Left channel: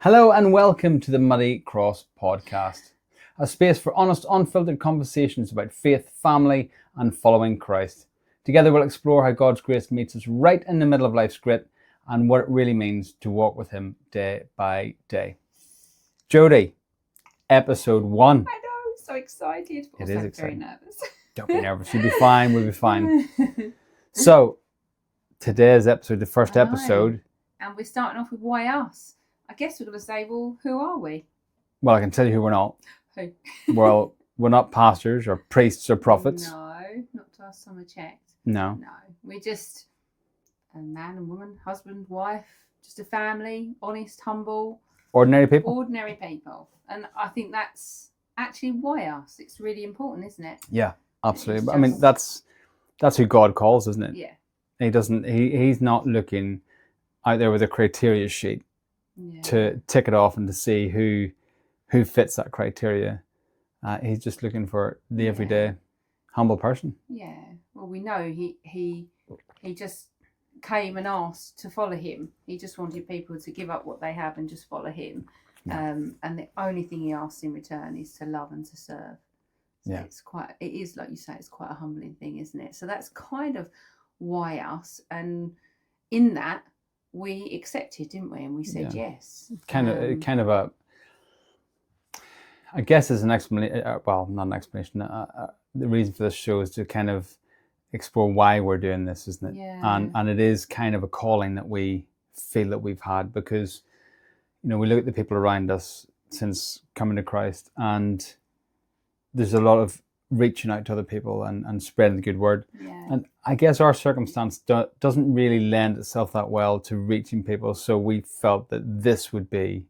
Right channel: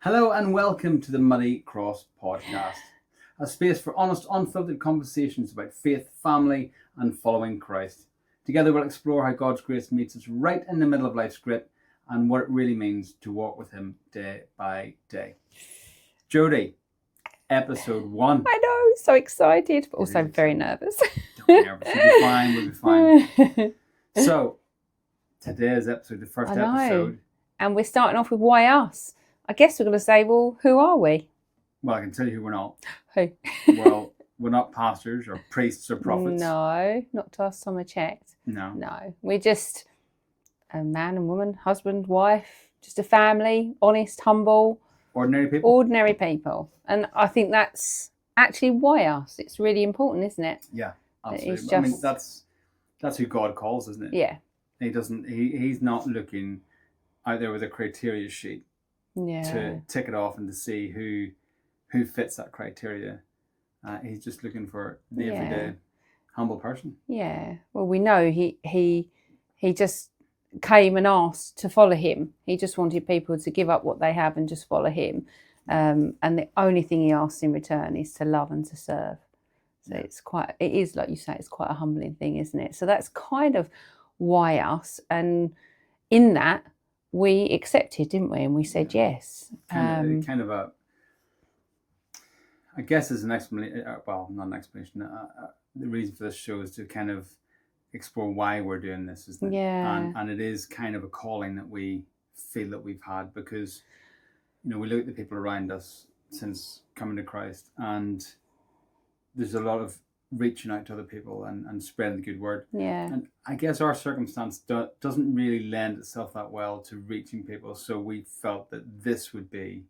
Hello and welcome to the Muddy Cross podcast, a space for honest, unfiltered conversations about faith, family, and following Christ. Together we'll explore how God's grace meets us right in the middle of life's grit and what it really means to walk with Him day by day. Jodie, episode 1. I know, so excited, but also very nervous. Don't be nervous, you'll be fine, we'll be fine. So, today's episode, the first episode. And we're starting off with why us? I guess we're going to say, well, who are we? Well, I can tell you who we're not. Who? Well, we're not pastors or priests or prophets. No, not to last time I checked. No. We're just a man and woman, husband, wife, just a family, honest, humble. Ordinary people. Ordinary people. And I think that's actually why us. It's really important, isn't it? Yeah, absolutely. Just... I mean, that's who God calls, isn't it? Yeah. He's not looking out there with a criteria sheet. Yeah. To tick it off and to see who fits that criteria. He's just looking for the everyday humble person. Yeah. Well, we know he just came and asked to follow him. He just wanted people to give up what they have and just follow him. And the only thing he asks in return is to love and to serve. So it is like you say, it's quite a humbling thing, isn't it? So that's kind of why us. And in that, we accepted, didn't we? And we said yes. Kind of a, I guess, as an explanation. Well, not an explanation. The reason for this show is to kind of explore why we're doing this, isn't it? Yeah. And it is kind of a calling that we feel that we've had because, we look at the people around us since coming to Christ, and there's a lot of reaching out to other people and spreading the good word. Yeah. And I guess our circumstance doesn't really lend itself that well to reaching people. So we felt that this would be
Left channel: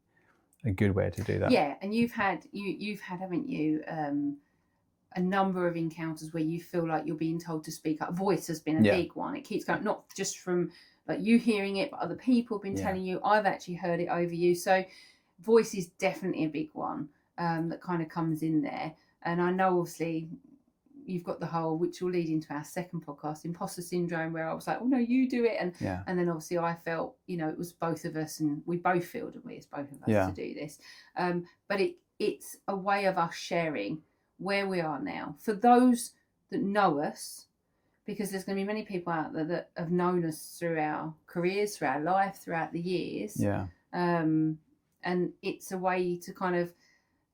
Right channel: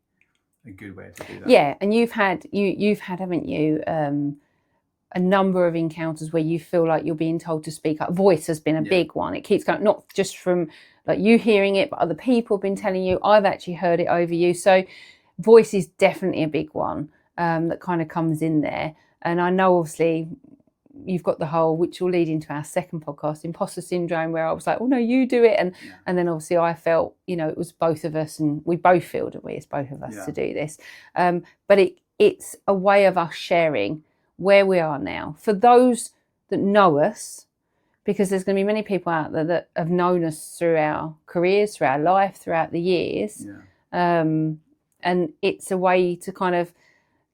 a good way to do that. Yeah. And you've had, haven't you, a number of encounters where you feel like you're being told to speak up. Voice has been a big one. It keeps going, not just from like you hearing it, but other people have been telling you. I've actually heard it over you. So voice is definitely a big one that kind of comes in there. And I know, obviously, you've got the whole, which will lead into our second podcast, imposter syndrome, where I was like, oh, no, you do it. And then, obviously, I felt, it was both of us, and we both feel that it's both of us to do this. But it's a way of us sharing where we are now. For those that know us, because there's going to be many people out there that have known us through our careers, through our life, throughout the years. Yeah. And it's a way to kind of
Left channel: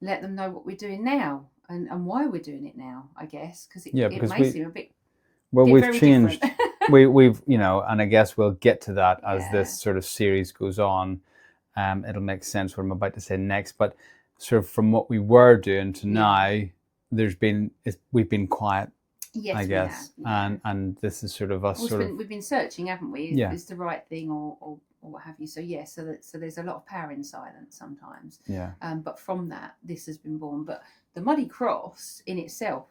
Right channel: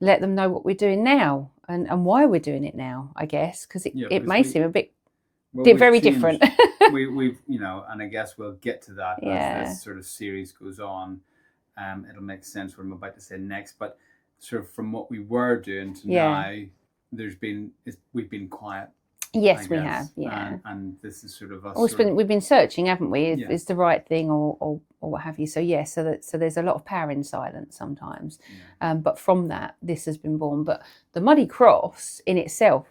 let them know what we're doing now. And why we're doing it now, I guess, because it may seem a bit very different. we've, and I guess we'll get to that as this sort of series goes on. It'll make sense what I'm about to say next. But sort of from what we were doing to now, we've been quiet. Yes, I guess. We have. Yeah. And this is sort of us. We've been searching, haven't we? Is the right thing or what have you? So so there's a lot of power in silence sometimes. Yeah. But from that, this has been born. But the Muddy Cross in itself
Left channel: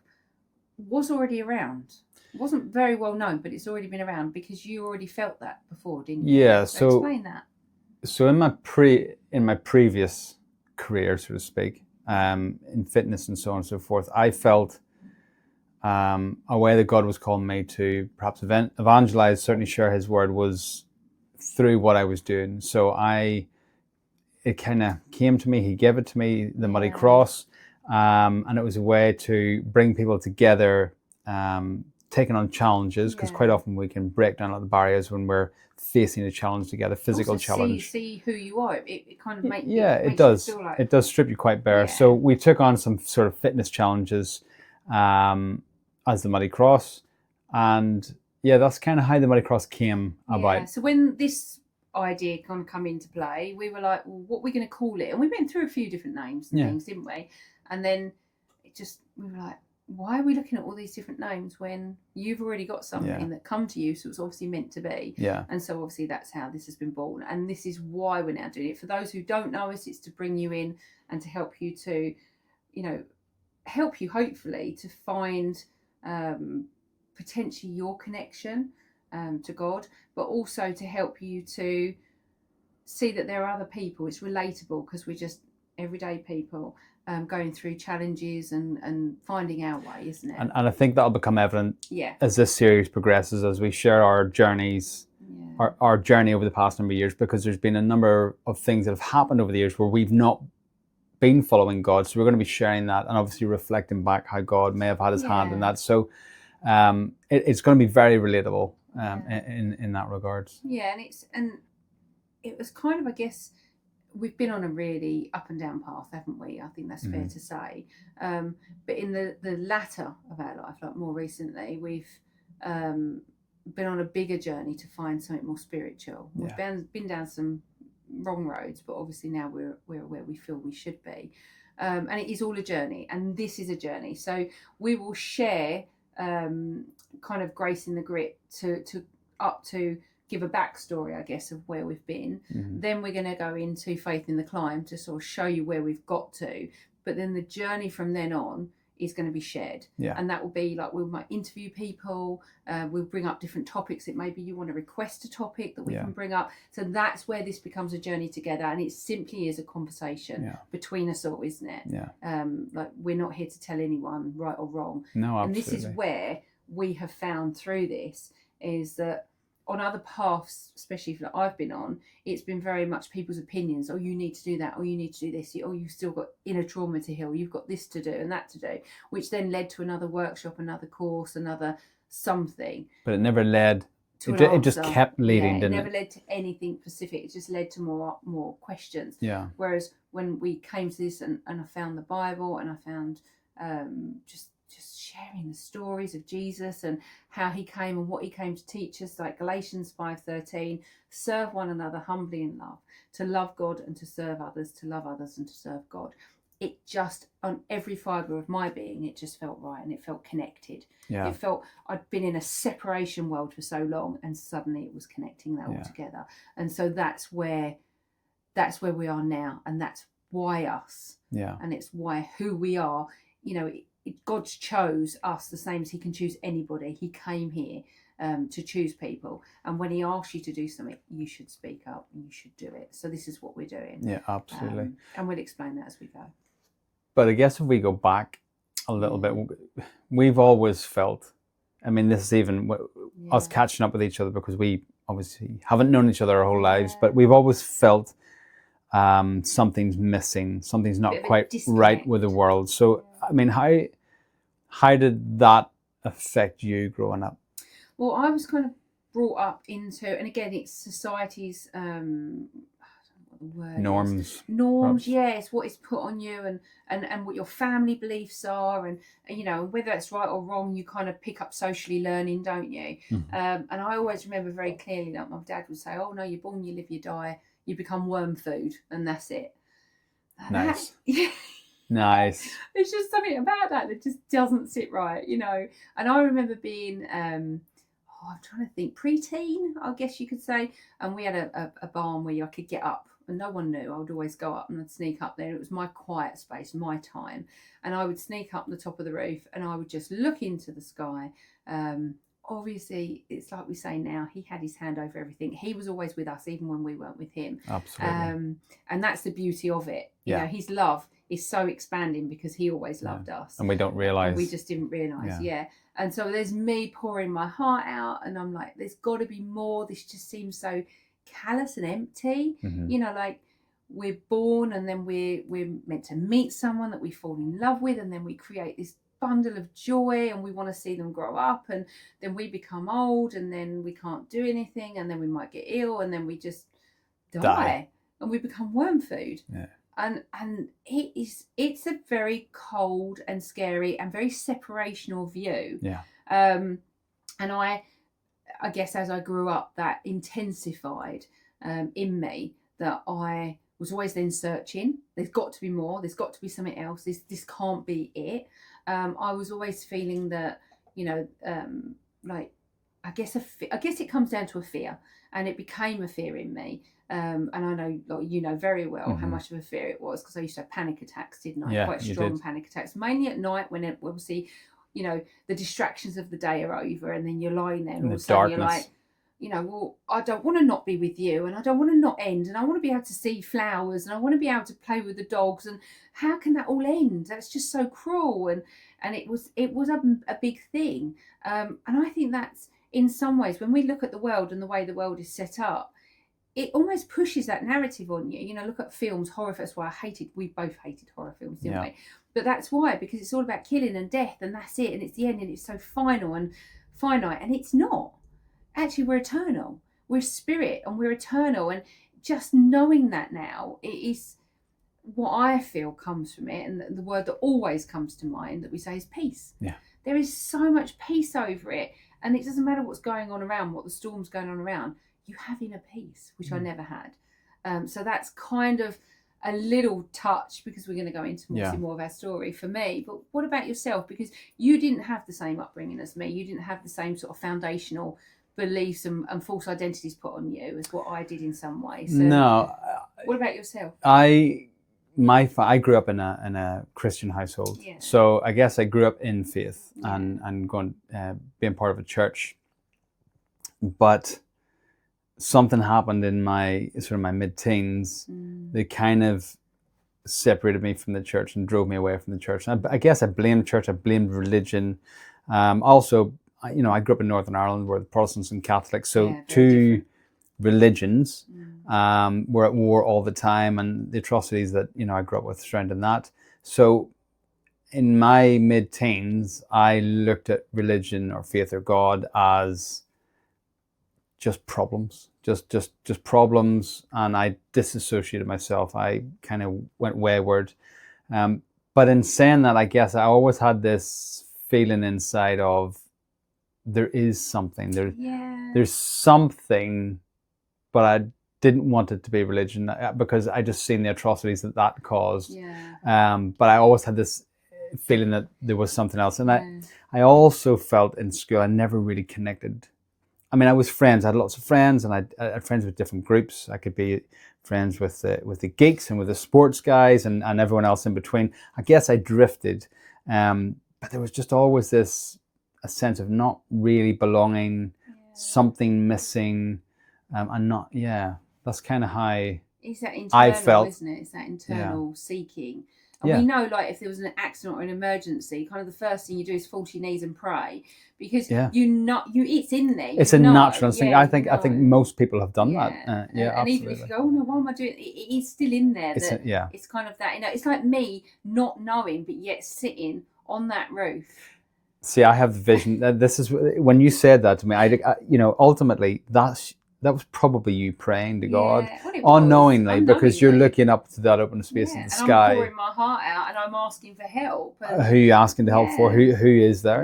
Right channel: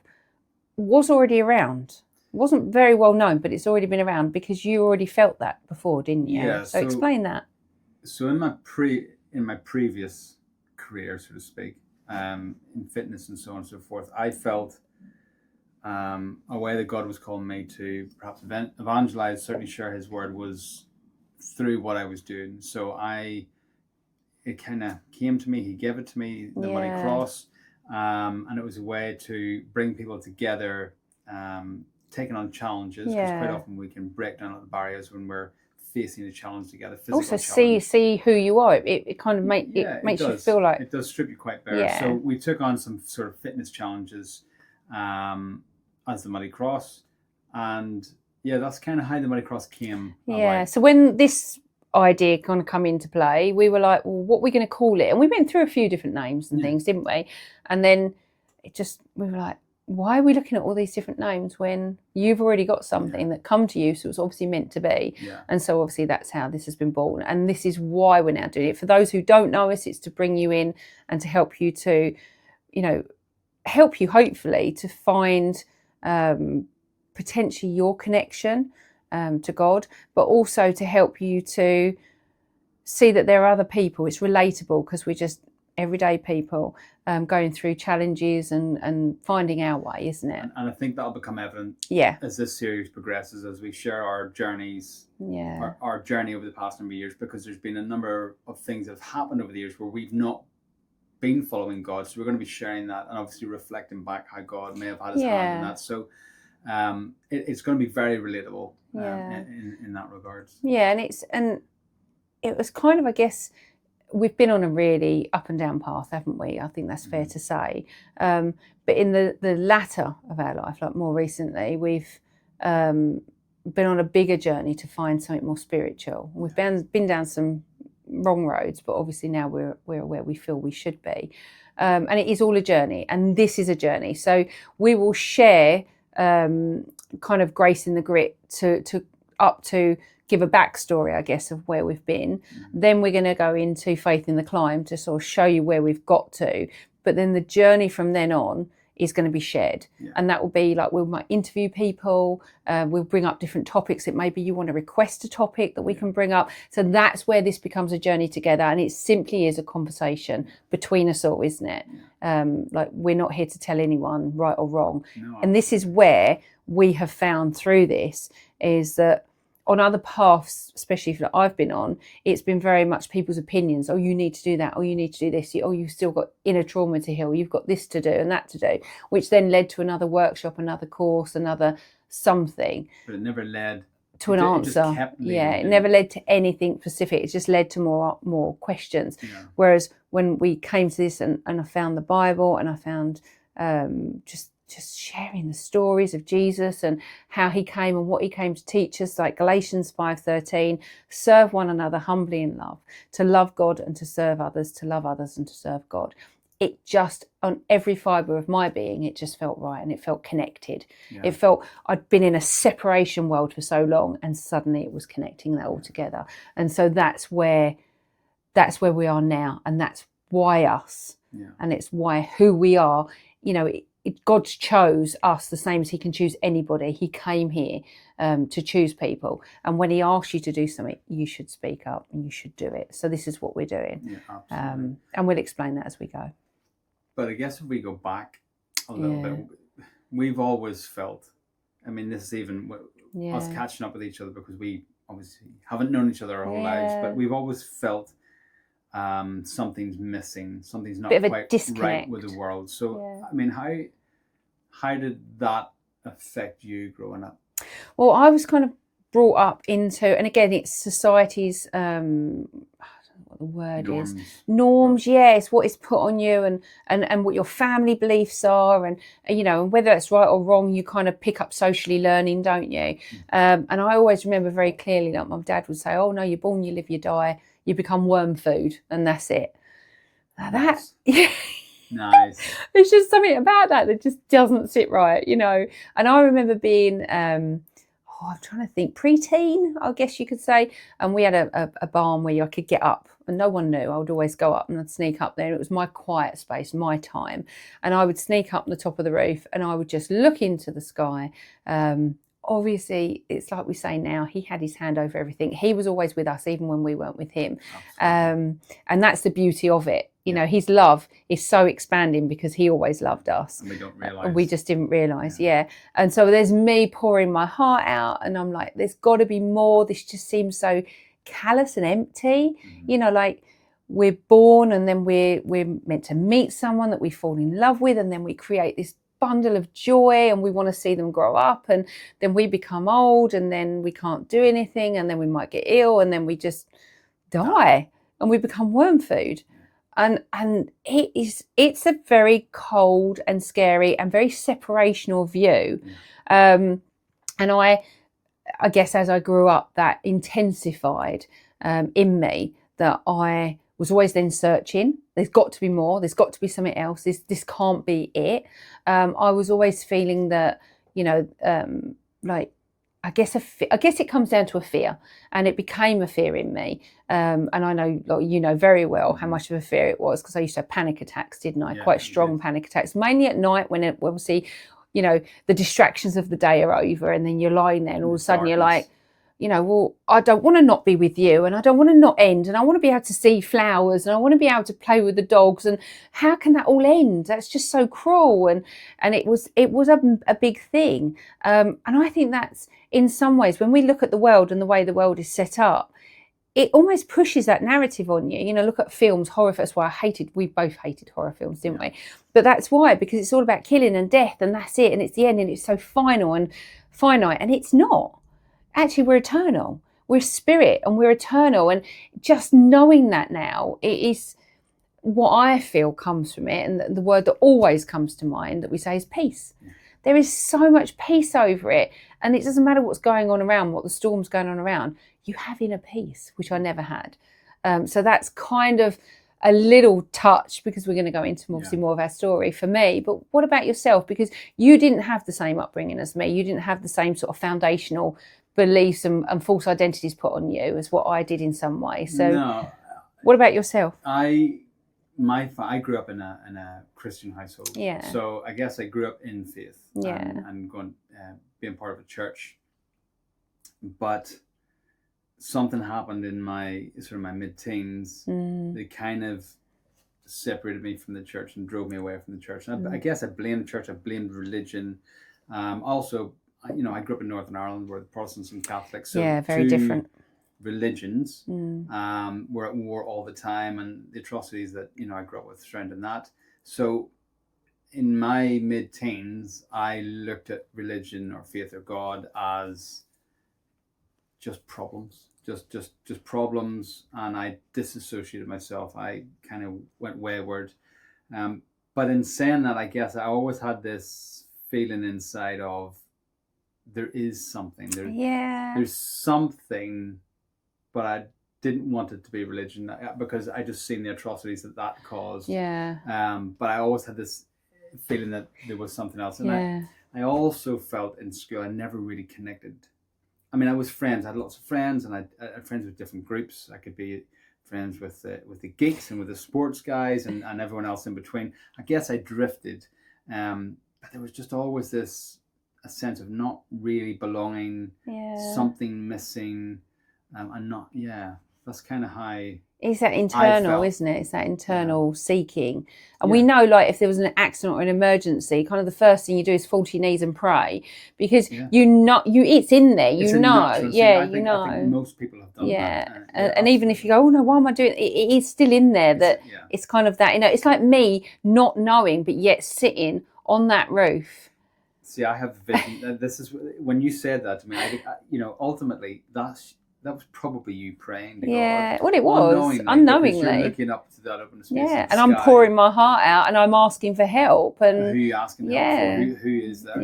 was already around. It wasn't very well known, but it's already been around because you already felt that before, didn't you? Yeah. So explain that. So in my previous career, so to speak, in fitness and so on and so forth, I felt a way that God was calling me to perhaps evangelize, certainly share His word, was through what I was doing. So it kind of came to me. He gave it to me, the Muddy Cross, and it was a way to bring people together, taking on challenges, because quite often we can break down all the barriers when we're facing a challenge together, physical also challenge. See who you are. It kind of makes you feel like it does strip you quite bare. So we took on some sort of fitness challenges as the Muddy Cross, and that's kind of how the Muddy Cross came about. So when this idea kind of come into play, we were like, well, what are we going to call it? And we went through a few different names and things, didn't we? And then we were like, why are we looking at all these different names when you've already got something that come to you? So it's obviously meant to be. Yeah. And so obviously that's how this has been born. And this is why we're now doing it. For those who don't know us, it's to bring you in and to help you to, help you hopefully to find potentially your connection to God, but also to help you to see that there are other people. It's relatable because we're just everyday people going through challenges and finding our way, isn't it? And I think that'll become evident Yeah. as this series progresses, as we share our journeys, Yeah. our journey over the past number of years, because there's been a number of things that have happened over the years where we've not been following God. So we're going to be sharing that and obviously reflecting back how God may have had his hand in that. So it's going to be very relatable in that regard. Yeah, and it was kind of, I guess, we've been on a really up and down path, haven't we? I think that's fair to say. But in the latter of our life, like more recently, we've been on a bigger journey to find something more spiritual. We've been down some wrong roads, but obviously now we're where we feel we should be. And it is all a journey, and this is a journey. So we will share kind of grace in the grit to give a backstory, I guess, of where we've been. Then we're going to go into faith in the climb to sort of show you where we've got to. But then the journey from then on is going to be shared. And that will be like, we might interview people, we'll bring up different topics. It may be you want to request a topic that we can bring up. So that's where this becomes a journey together. And it simply is a conversation between us all, isn't it? Like, we're not here to tell anyone right or wrong. No, and this is where we have found through this is that on other paths, especially that I've been on, it's been very much people's opinions. Oh, you need to do that. Oh, you need to do this. Oh, you've still got inner trauma to heal. You've got this to do and that to do, which then led to another workshop, another course, another something. But it never led to an answer. It just kept leading. Yeah, it never led to anything specific. It just led to more questions. Whereas when we came to this and I found the Bible and I found just sharing the stories of Jesus and how he came and what he came to teach us, like Galations 5:13, serve one another humbly in love, to love God and to serve others, to love others and to serve God. It just, on every fibre of my being, it just felt right and it felt connected. It felt, I'd been in a separation world for so long and suddenly it was connecting that all together. And so that's where we are now, and that's why us. And it's why who we are. You know, God chose us the same as he can choose anybody. He came here to choose people. And when he asks you to do something, you should speak up and you should do it. So this is what we're doing. Yeah, absolutely. And we'll explain that as we go. But I guess if we go back a little bit, we've always felt, I mean, this is even us catching up with each other, because we obviously haven't known each other our whole lives, but we've always felt something's missing, something's not quite right with the world. So, I mean, how did that affect you growing up? Well, I was kind of brought up into, and again, it's society's, I don't know what the word is. Norms, yes, what is put on you and what your family beliefs are, and you know, and whether it's right or wrong, you kind of pick up socially learning, don't you? And I always remember very clearly that my dad would say, oh no, you're born, you live, you die, you become worm food, and that's it. Nice. Nice. There's just something about that just doesn't sit right, you know. And I remember being, I'm trying to think, preteen, I guess you could say. And we had a barn where I could get up and no one knew. I would always go up and I'd sneak up there. And it was my quiet space, my time. And I would sneak up on the top of the roof and I would just look into the sky. Obviously, it's like we say now, he had his hand over everything. He was always with us, even when we weren't with him. Absolutely. And that's the beauty of it. You know, his love is so expanding because he always loved us. And we don't realise. We just didn't realise, And so there's me pouring my heart out and I'm like, there's got to be more. This just seems so callous and empty. You know, like we're born and then we're meant to meet someone that we fall in love with, and then we create this bundle of joy and we want to see them grow up, and then we become old and then we can't do anything, and then we might get ill and then we just die. And we become worm food. And it's a very cold and scary and very separational view. And I guess as I grew up, that intensified in me, that I was always then searching. There's got to be more. There's got to be something else. This can't be it. I was always feeling that, you know, like, I guess it comes down to a fear, and it became a fear in me. And I know, like, you know very well how much of a fear it was, because I used to have panic attacks, didn't I? Quite strong panic attacks, mainly at night when it obviously, you know, the distractions of the day are over, and then you're lying there, and all of a sudden you're like, well, I don't want to not be with you, and I don't want to not end, and I want to be able to see flowers, and I want to be able to play with the dogs, and how can that all end? That's just so cruel. And it was a big thing. And I think that's, in some ways, when we look at the world and the way the world is set up, it almost pushes that narrative on you. Look at films, horror. That's why we both hated horror films, didn't we? But that's why, because it's all about killing and death, and that's it, and it's the end, and it's so final and finite, and it's not. Actually, we're eternal. We're spirit, and we're eternal. And just knowing that now, it is what I feel comes from it. And the word that always comes to mind that we say is peace. Yeah. There is so much peace over it. And it doesn't matter what's going on around, what the storm's going on around. You have inner peace, which I never had. So that's kind of a little touch, because we're going to go into more of our story for me. But what about yourself? Because you didn't have the same upbringing as me. You didn't have the same sort of foundational beliefs and false identities put on you as what I did in some way. So no, what about yourself? I grew up in a Christian household. Yeah. So I guess I grew up in faith Yeah. and going being part of a church. But something happened in my mid-teens that kind of separated me from the church and drove me away from the church. And I guess I blamed church, I blamed religion. Also, I grew up in Northern Ireland, where the Protestants and Catholics, so very two different religions were at war all the time, and the atrocities that I grew up with surrounding that. So in my mid-teens, I looked at religion or faith or God as just problems, just problems, and I disassociated myself. I kind of went wayward. But in saying that, I guess I always had this feeling inside of there is something. There's something, but I didn't want it to be religion because I just seen the atrocities that caused. But I always had this feeling that there was something else. And I also felt in school I never really connected. I mean, I was friends. I had lots of friends, and I had friends with different groups. I could be friends with the geeks and with the sports guys and everyone else in between. I guess I drifted. But there was just always a sense of not really belonging, something missing, and not, that's kind of how it's that internal, isn't it? It's that internal seeking. And we know, like, if there was an accident or an emergency, kind of the first thing you do is fall to your knees and pray, because it's in there. It's a natural thing. I think most people have done that. And even if you go, oh no, why am I doing it? It is still in there. It's kind of that. It's like me not knowing, but yet sitting on that roof. See, I have the vision. This is when you said that to me. I ultimately that was probably you praying to God, well, it was, unknowingly, because you're looking up to that open space in the sky. And I'm pouring my heart out, and I'm asking for help. And who are you asking to help for? Who is there?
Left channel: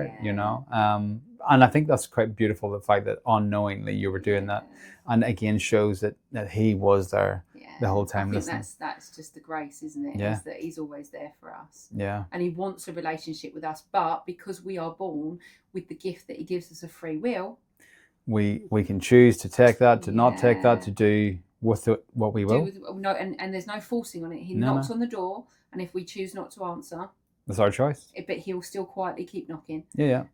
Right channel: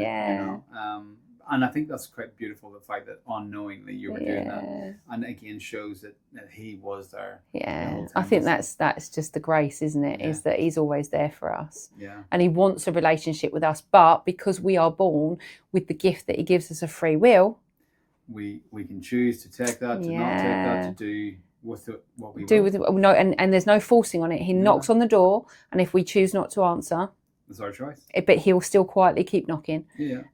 And I think that's quite beautiful, the fact that unknowingly you were doing that, and again shows that He was there the whole time. I think that's just the grace, isn't it? Is that He's always there for us. And He wants a relationship with us, but because we are born with the gift that He gives us of free will, we can choose to take that, to not take that, to do with it what we will. And there's no forcing on it. He knocks on the door, and if we choose not to answer, that's our choice. But He'll still quietly keep knocking.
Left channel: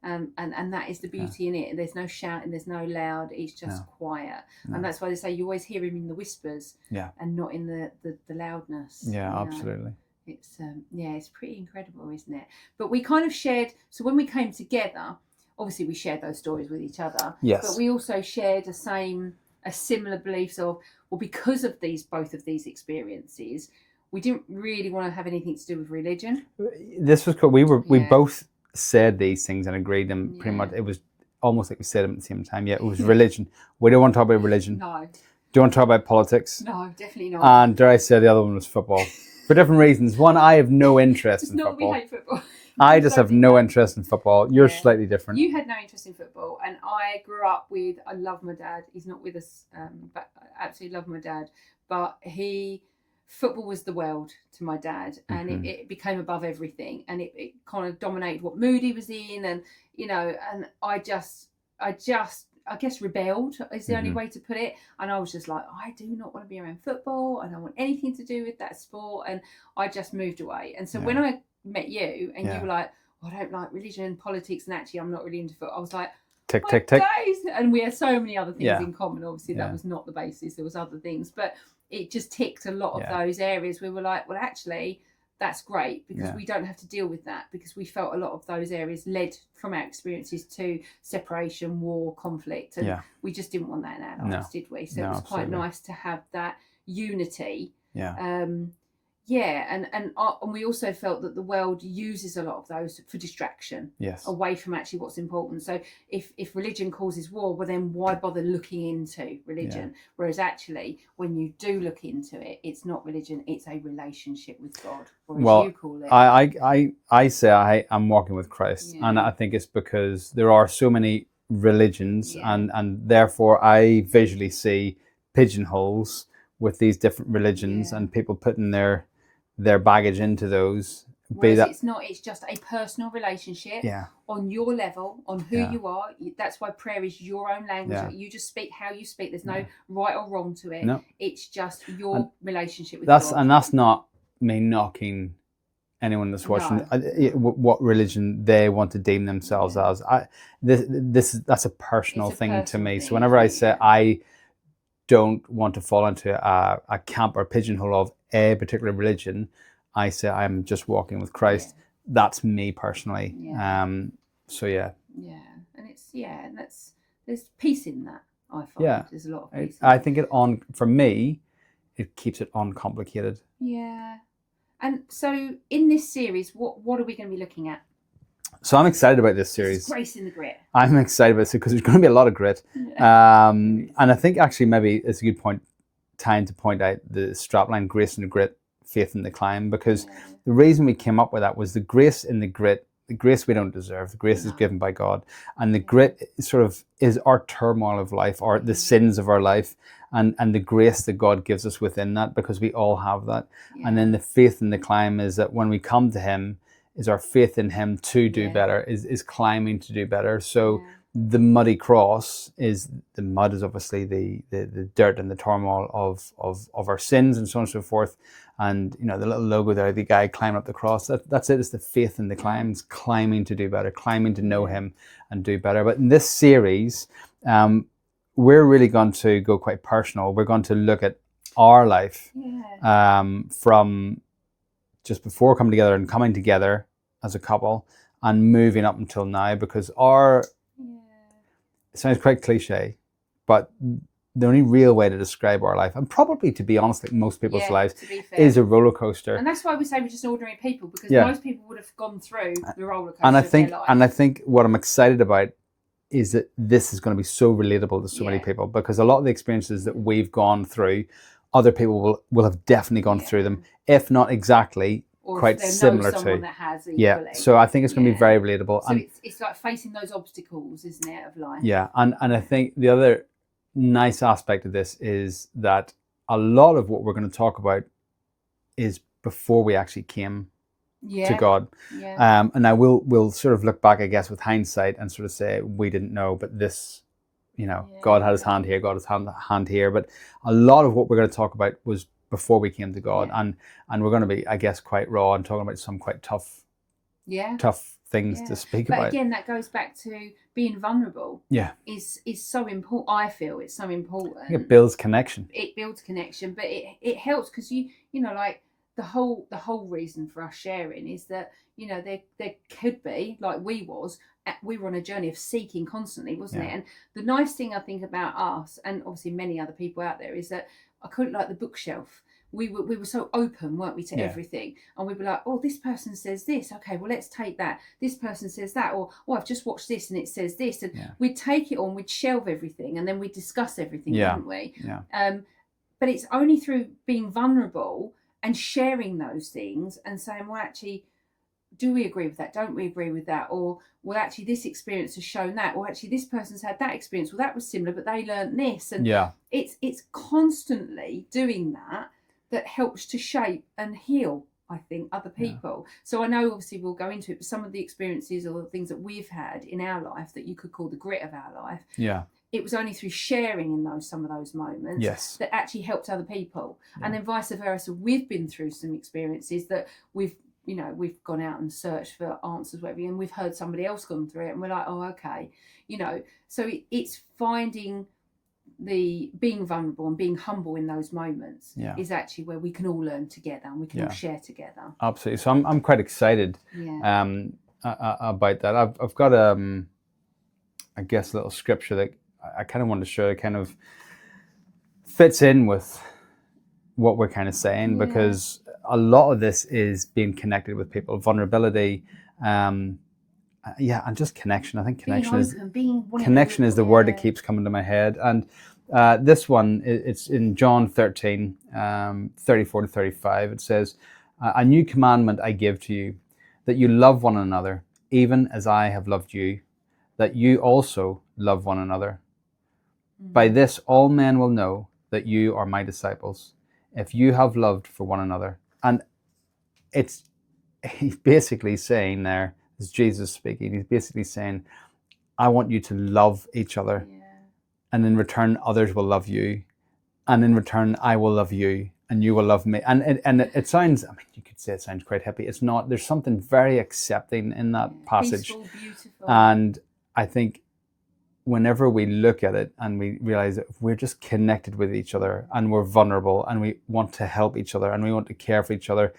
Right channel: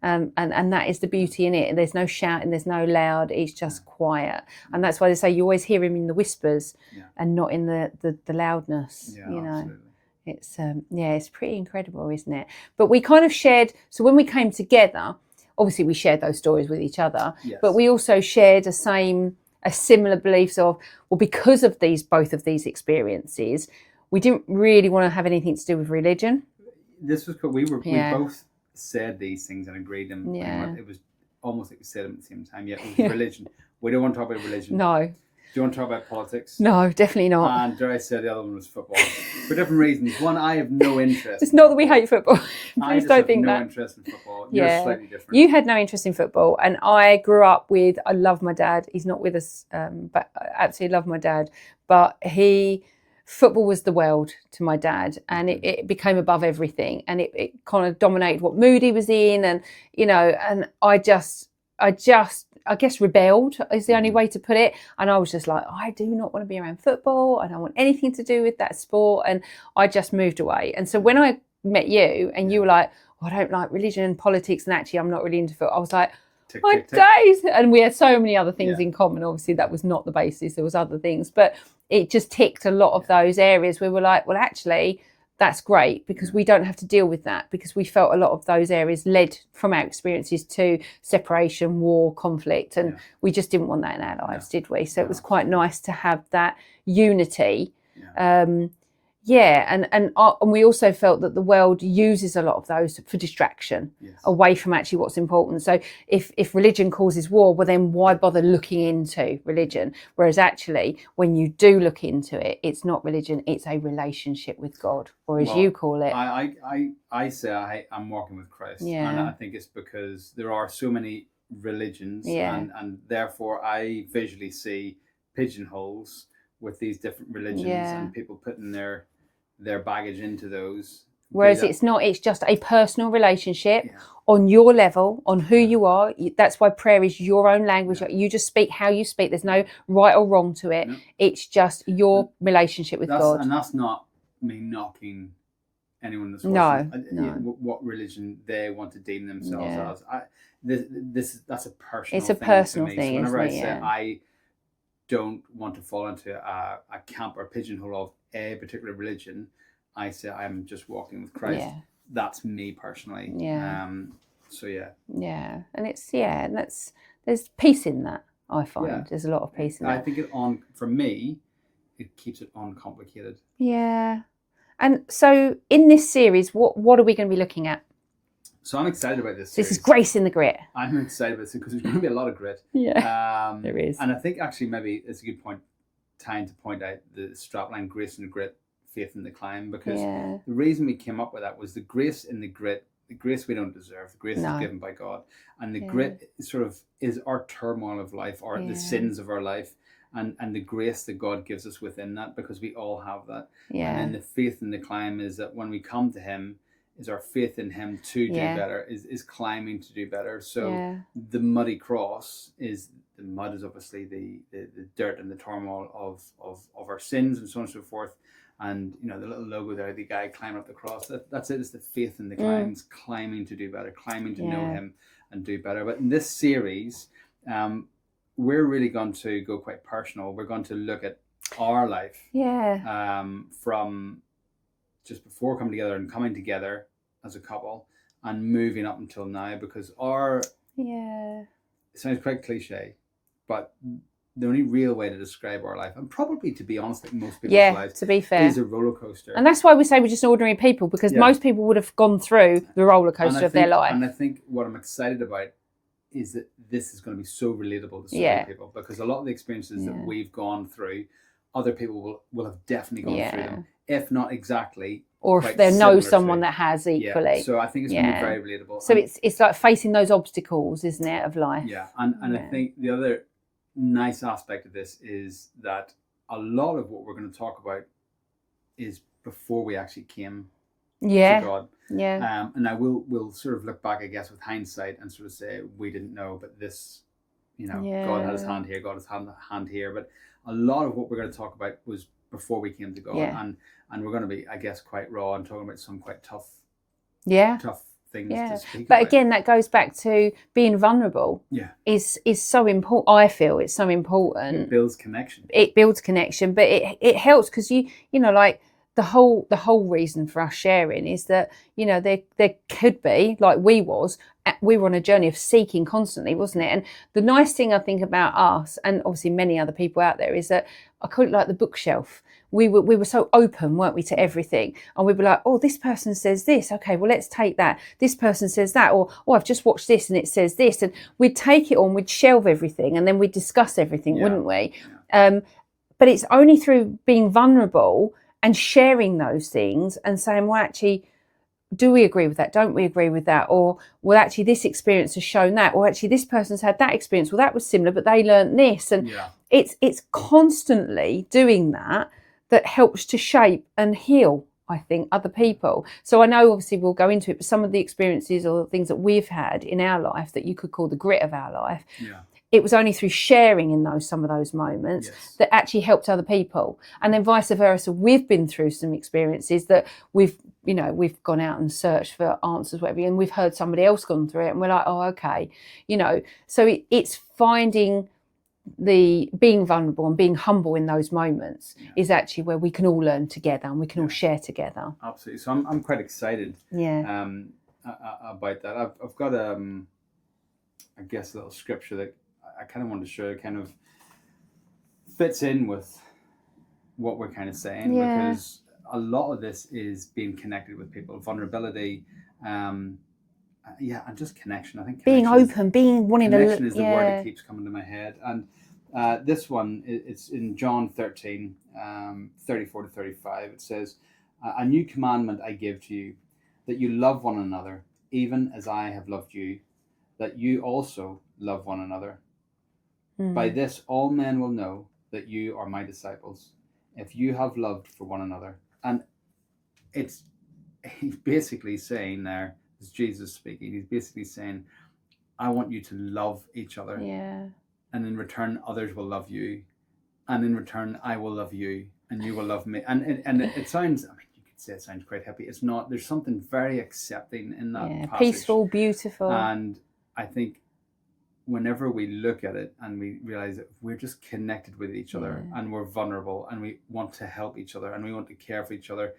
And that is the beauty in it. There's no shouting, there's no loud. It's just quiet, and that's why they say you always hear Him in the whispers, and not in the loudness. Absolutely. It's pretty incredible, isn't it? But we kind of shared. So when we came together, obviously we shared those stories with each other. But we also shared a similar beliefs of, well, because of both of these experiences, we didn't really want to have anything to do with religion. This was cool. We both said these things and agreed, and pretty much it was almost like we said them at the same time. It was religion. We don't want to talk about religion. No. Do you want to talk about politics? No, definitely not. And dare I say, the other one was football. For different reasons. One, I have no interest It's not that we hate football. I just have no interest in football. You're slightly different. You had no interest in football. And I grew up with, I love my dad. He's not with us, but I absolutely love my dad. But football was the world to my dad. And it became above everything. And it kind of dominated what mood he was in. And, and I guess rebelled is the only way to put it. And I was just like, I do not want to be around football. I don't want anything to do with that sport. And I just moved away. And so when I met you and you were like, I don't like religion and politics, and actually I'm not really into football, I was like, tick, My tick, tick. days. And we had so many other things Yeah. in common. Obviously, that Yeah. was not the basis. There was other things, but it just ticked a lot of those areas. We were like, well, actually, that's great because we don't have to deal with that, because we felt a lot of those areas led from our experiences to separation, war, conflict, and we just didn't want that in our lives, did we? So it was quite nice to have that unity. And we also felt that the world uses a lot of those for distraction, away from actually what's important. So if religion causes war, well then why bother looking into religion? Whereas actually, when you do look into it, it's not religion; it's a relationship with God, or as you call it. I say I'm walking with Christ, and I think it's because there are so many religions, and therefore I visually see pigeonholes with these different religions and people putting their baggage into those. Whereas it's not, it's just a personal relationship on your level, on who you are. That's why prayer is your own language. You just speak how you speak. There's no right or wrong to it. No. It's just your relationship with God. And that's not me knocking anyone that's watching what religion they want to deem themselves as. That's a personal thing to me. So whenever I say I don't want to fall into a camp or pigeonhole of a particular religion, I say I'm just walking with Christ. That's me personally. And it's and there's peace in that. I find there's a lot of peace in that. I think for me it keeps it uncomplicated. And so in this series, what are we going to be looking at? So I'm excited about this series. This is Grace in the Grit. I'm excited about this because there's going to be a lot of grit. There is. And I think actually maybe it's a good time to point out the strapline, Grace in the Grit, Faith in the Climb, because the reason we came up with that was the grace in the grit, the grace we don't deserve, the grace is given by God. And the grit sort of is our turmoil of life, or the sins of our life, and the grace that God gives us within that, because we all have that. And then the faith in the climb is that when we come to him, is our faith in him to do better, is climbing to do better. So the muddy cross is, the mud is obviously the dirt and the turmoil of our sins and so on and so forth. And the little logo there, the guy climbing up the cross, that's it. It's the faith in the climb. It's climbing to do better, climbing to know him and do better. But in this series, we're really going to go quite personal. We're going to look at our life from just before coming together and coming together as a couple and moving up until now, because it sounds quite cliche, but the only real way to describe our life, and probably to be honest, like most people's lives, to be fair, is a roller coaster. And that's why we say we're just ordinary people, because most people would have gone through the roller coaster of their life. And I think what I'm excited about is that this is going to be so relatable to so many people, because a lot of the experiences that we've gone through, other people will have definitely gone through them, if not exactly. Or if they know someone that has equally. So I think it's going to be very relatable. So it's like facing those obstacles, isn't it, of life? And I think the other nice aspect of this is that a lot of what we're going to talk about is before we actually came to God. And now we'll sort of look back, I guess, with hindsight and sort of say we didn't know, but this, God had his hand here, God has hand here. But a lot of what we're going to talk about was before we came to God, and we're going to be, I guess, quite raw and talking about some quite tough things to speak about. But again, that goes back to being vulnerable. Is so important. I feel it's so important. It builds connection. But it helps because you like the whole reason for us sharing is that there could be, like we were on a journey of seeking constantly, wasn't it? And the nice thing I think about us, and obviously many other people out there, is that I call it like the bookshelf. We were so open, weren't we, to everything? And we'd be like, oh, this person says this. Okay, well, let's take that. This person says that. Or, oh, I've just watched this and it says this. And we'd take it on, we'd shelve everything, and then we'd discuss everything, wouldn't we? But it's only through being vulnerable and sharing those things and saying, well, actually, do we agree with that? Don't we agree with that? Or, well, actually, this experience has shown that. Or actually, this person's had that experience. Well, that was similar, but they learnt this. And it's constantly doing that helps to shape and heal, I think, other people. So I know, obviously, we'll go into it, but some of the experiences or the things that we've had in our life that you could call the grit of our life, it was only through sharing in some of those moments that actually helped other people. And then vice versa, we've been through some experiences that we've you know, we've gone out and searched for answers, whatever, and we've heard somebody else gone through it, and we're like, oh, okay, you know. So it's finding being vulnerable and being humble in those moments is actually where we can all learn together and we can all share together. Absolutely. So I'm quite excited. About that. I've got I guess a little scripture that I kind of want to show. It kind of fits in with what we're kind of saying, because a lot of this is being connected with people, vulnerability, and just connection. I think connection is the word that keeps coming to my head. And this one, it's in John 13, 34 to 35. It says, "A new commandment I give to you, that you love one another, even as I have loved you, that you also love one another. By this all men will know that you are my disciples, if you have loved for one another." And he's basically saying there, it's Jesus speaking, he's basically saying, I want you to love each other. And in return, others will love you. And in return, I will love you, and you will love me. And it sounds, I mean, you could say it sounds quite hippie. It's not. There's something very accepting in that passage. Peaceful, beautiful. And I think whenever we look at it and we realize that if we're just connected with each other and we're vulnerable and we want to help each other and we want to care for each other,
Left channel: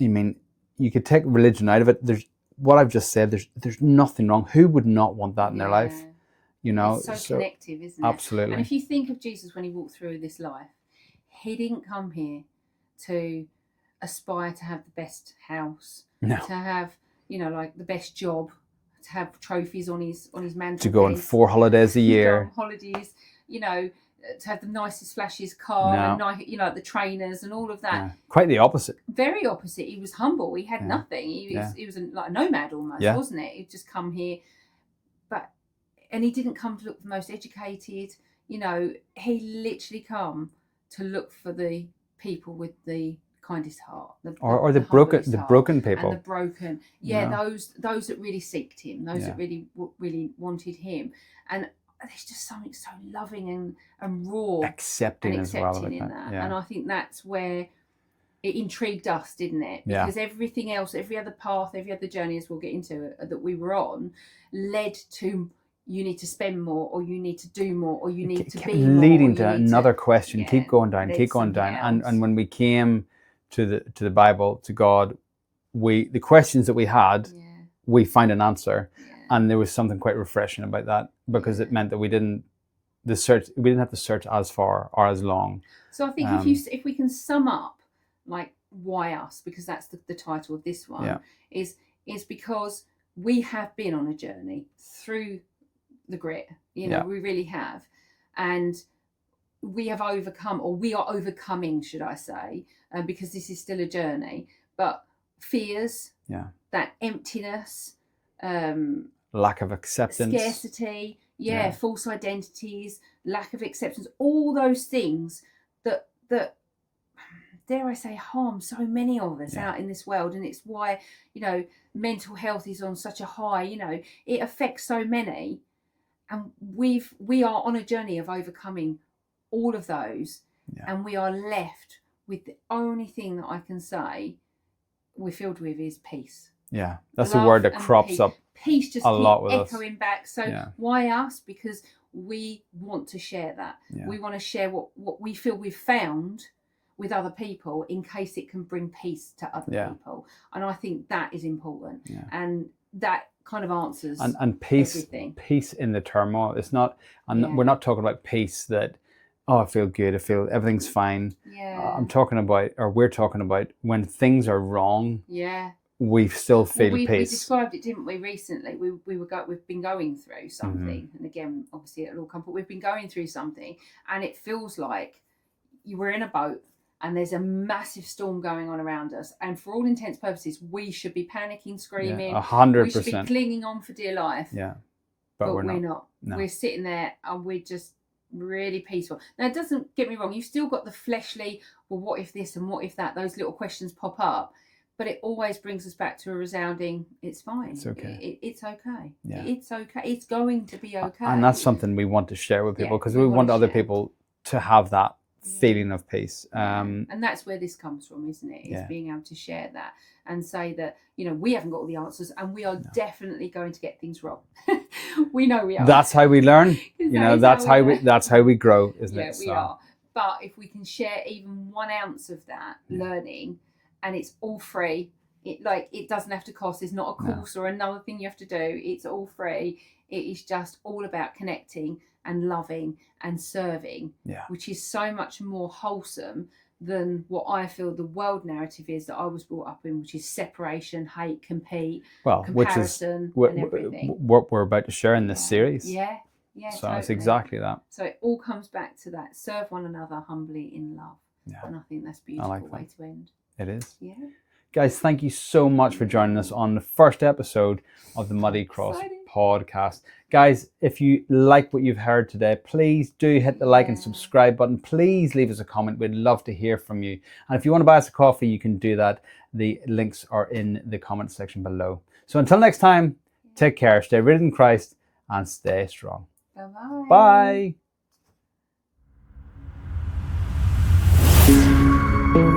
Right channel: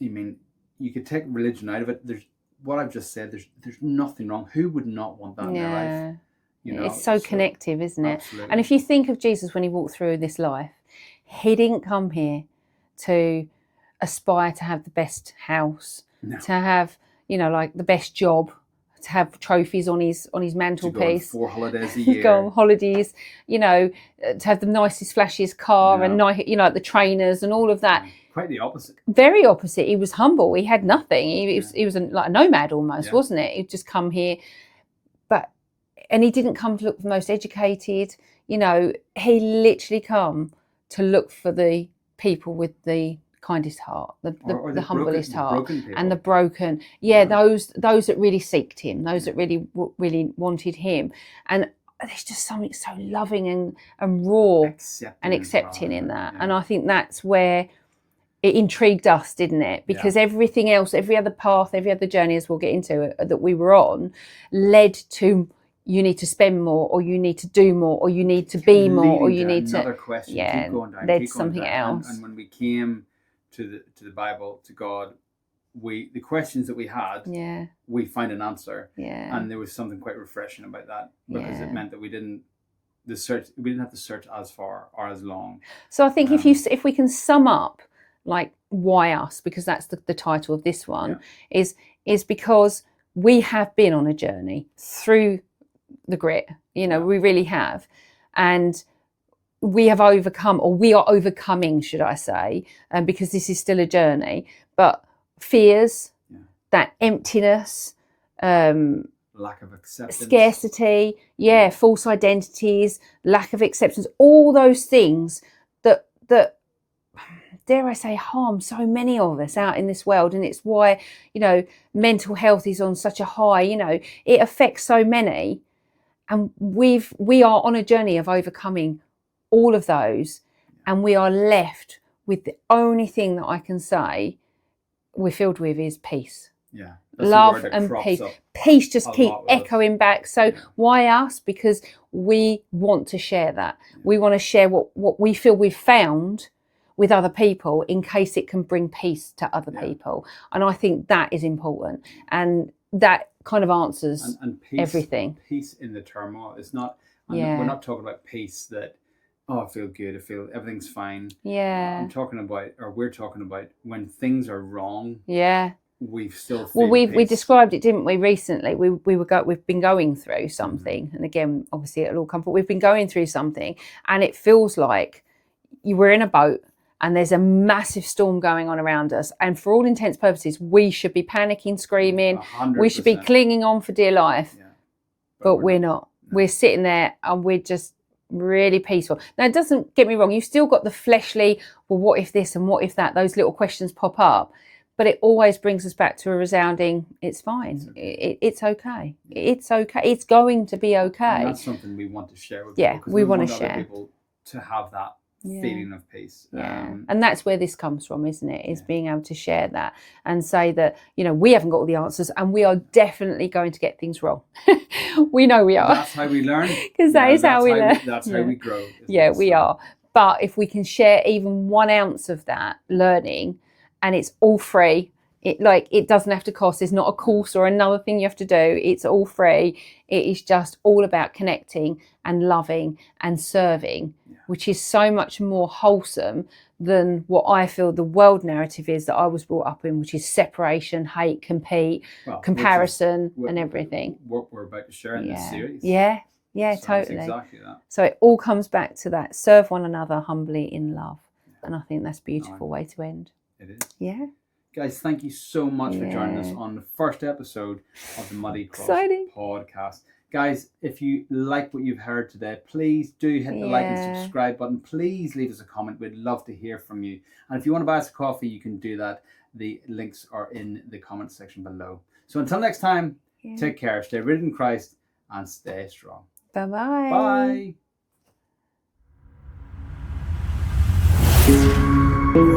I mean, you could take religion out of it. There's what I've just said. There's nothing wrong. Who would not want that in their life? You know, it's so connective, isn't it? Absolutely. And if you think of Jesus when he walked through this life, he didn't come here to aspire to have the best house, to have, you know, like the best job, to have trophies on his mantelpiece, to go on 4 holidays a year, go on holidays, you know, to have the nicest, flashiest car, and you know, the trainers and all of that. Quite the opposite. Very opposite. He was humble. He had nothing. He was like a nomad almost, wasn't it? He'd just come here, and he didn't come to look for the most educated. You know, he literally come to look for the people with the kindest heart, the broken people, and the broken. Those that really seeked him, those that really wanted him. And there's just something so loving and raw, accepting in that. And I think that's where it intrigued us, didn't it? Because everything else, every other path, every other journey, as we'll get into, that we were on, led to, you need to spend more, or you need to do more, or you need to be more, or you need another question. Keep going down. And when we came to the Bible, to God, the questions that we had, we found an answer, and there was something quite refreshing about that, because it meant that we didn't have to search as far or as long. So I think if we can sum up, like, why us, because that's the title of this one, is because we have been on a journey through the grit, you know, we really have, and we have overcome, or we are overcoming, should I say, because this is still a journey, but fears, that emptiness, lack of acceptance, scarcity, false identities, lack of acceptance, all those things that dare I say harm so many of us out in this world. And it's why, you know, mental health is on such a high, you know, it affects so many. And we are on a journey of overcoming all of those, and we are left with the only thing that I can say we're filled with is peace. Yeah, that's Love the word that crops up. Peace just keeps echoing back. So why us? Because we want to share that. We want to share what we feel we've found with other people, in case it can bring peace to other people. And I think that is important. And that kind of answers and peace, everything. Peace in the turmoil. It's not, we're not talking about peace that, I feel good, I feel everything's fine. I'm talking about, or we're talking about, when things are wrong. We still feel peace. We described it, didn't we, recently? We've been going through something, and again, obviously it'll all come, but we've been going through something, and it feels like you were in a boat and there's a massive storm going on around us, and for all intents and purposes, we should be panicking, screaming. 100%. We should be clinging on for dear life. But we're not. No. We're sitting there and we're just really peaceful. Now, it doesn't get me wrong. You've still got the fleshly, well, what if this and what if that? Those little questions pop up. But it always brings us back to a resounding, it's fine. It's okay. It's okay. It's okay. It's going to be okay. And that's something we want to share with people, because we want other people to have that feeling of peace. And that's where this comes from, isn't it? Is Yeah. being able to share that and say that, you know, we haven't got all the answers and we are definitely going to get things wrong. We know we are. That's how we learn. Because that's how we learn. That's how we grow, isn't it? We are. But if we can share even 1 ounce of that learning, and it's all free, it doesn't have to cost. It's not a course or another thing you have to do. It's all free. It is just all about connecting and loving and serving, which is so much more wholesome than what I feel the world narrative is that I was brought up in, which is separation, hate, compete, comparison, and everything. What we're about to share in this series. Yeah, so totally. It's exactly that. So it all comes back to that: serve one another humbly in love. And I think that's a beautiful way to end. It is. Yeah. Guys, thank you so much for joining us on the first episode of the Muddy Cross podcast. Guys, if you like what you've heard today, please do hit the like and subscribe button. Please leave us a comment. We'd love to hear from you. And if you want to buy us a coffee, you can do that. The links are in the comment section below. So until next time, take care, stay rooted in Christ, and stay strong. Bye-bye. Bye.